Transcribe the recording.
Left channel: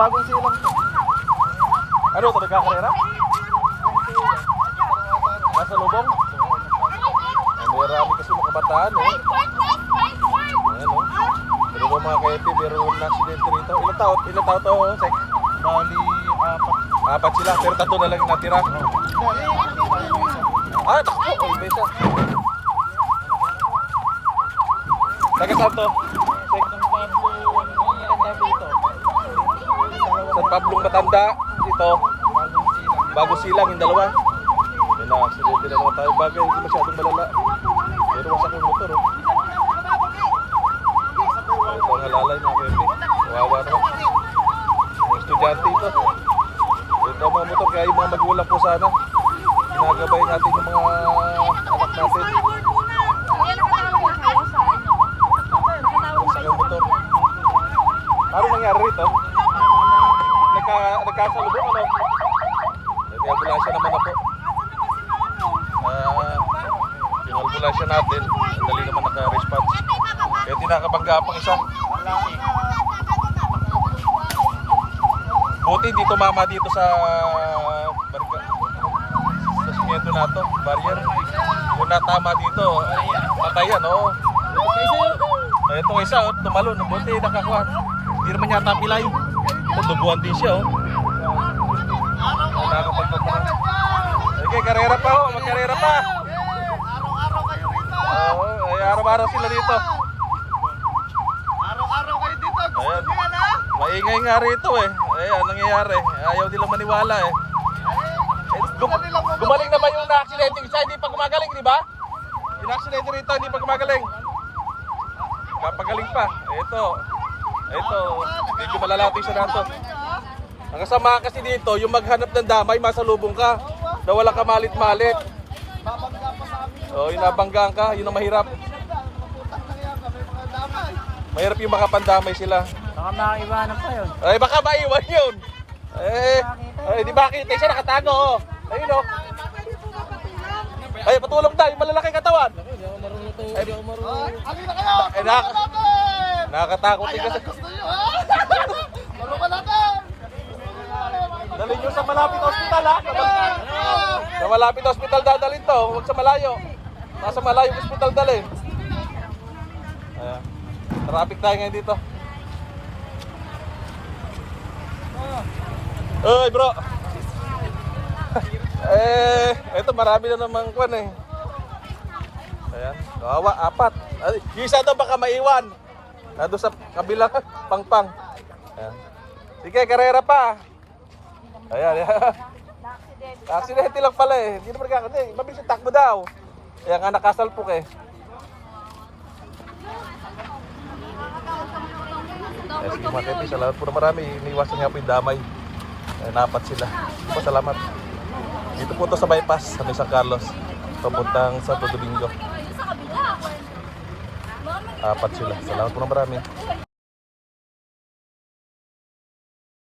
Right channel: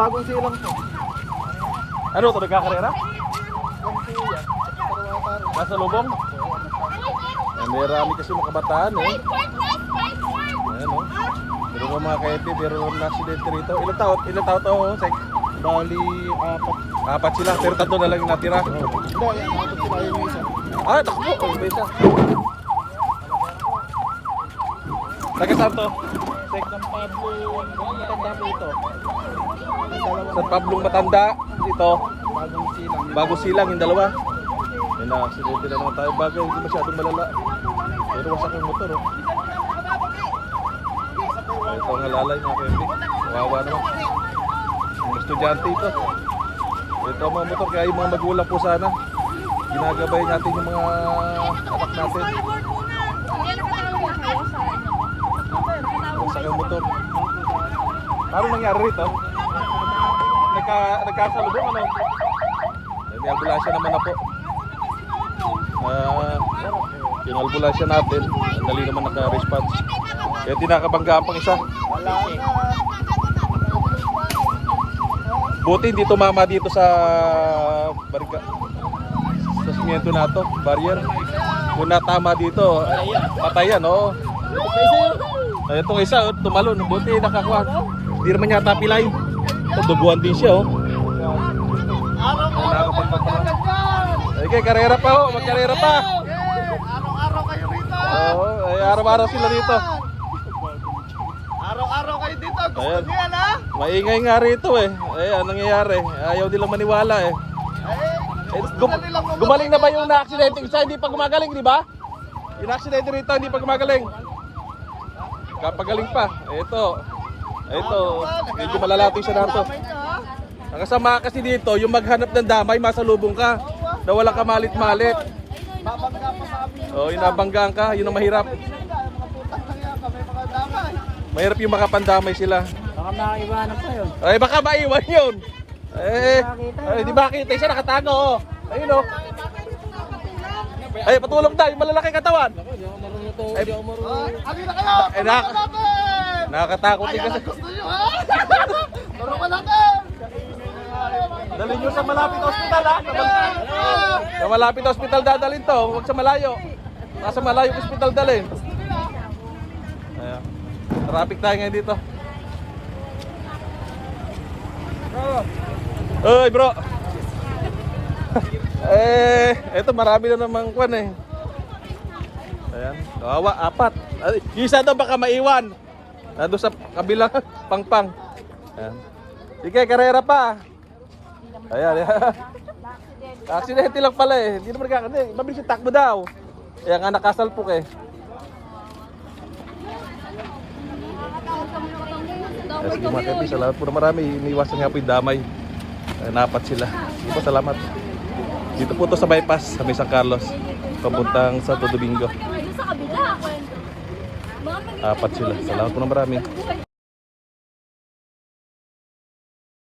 bagong silang. Ano ito? Nagkakaroon na? Nasa lubong? Meron kami kasi kabataan. Ako mga kaiti, Bali, apat. Apat sila, pero tatlo na lang natira. Ah, tatlo. May isa. Silang yung dalawa. Natin. Kaya tinakabanggaan pa isa. Buti hindi tumama dito sa barga. Sa simento na ito, barrier. Kung natama dito, patayan, no? Ay, ito isa, oh, tumalon. Buti nakakuha. Hindi naman yata pilay. Duguan din siya, oh. Okay, karera pa, oh. Karera pa. Oo, ay, dito. Araw-araw kayo dito. Gusto Oo. niyo yan, ha? Maingay nga rito eh. Ay, anong nangyayari? Ayaw nila maniwala eh. Gum- gumaling na ba yung na-accident? Isa hindi pa gumagaling, di ba? Yung accident rito hindi pa gumagaling. Papagaling pa. Ito. Ito. Medyo malalating siya narito. Ang kasama kasi dito, yung maghanap ng damay, masalubong ka. Na walang kamalit-malit. So, inabanggaan ka, yun ang mahirap. Mahirap yung makapandamay sila. Baka maiwanan pa yun. Ay, baka maiwan yun. Eh, ay, di ba kita siya nakatago, oh. Ayun, oh. Ay, patulong tayo, malalaki katawan. Ako, hindi ako marunong to. Hindi ako marunong. Kanina kayo. Ay, na. Nakakatakot din kasi. Gusto niyo, ha? Para pa natin. Dalhin nyo sa malapit hospital, ha? Sa malapit hospital dadalhin to, huwag sa malayo. Sa malayo hospital dalhin. Traffic tayo ngayon dito. Uy, bro. eh, eto marami na namang kwan eh. Kawawa, apat. Ay, yung isa daw baka maiwan. Nado sa kabila, pang-pang. Sige, karera pa. Ayan, ayan. Aksidente lang pala eh. Hindi naman nagkakandi. Mabilis yung takbo daw. Kaya nga nakasalpok eh. Damay kami oh. Salamat po marami. Umiwas ng hapin damay. Sinapat sila. Salamat. Dito po to sa bypass sa San Carlos. Papuntang Santo Domingo. Sa kabila. Mama, Apat sila. Salamat po marami.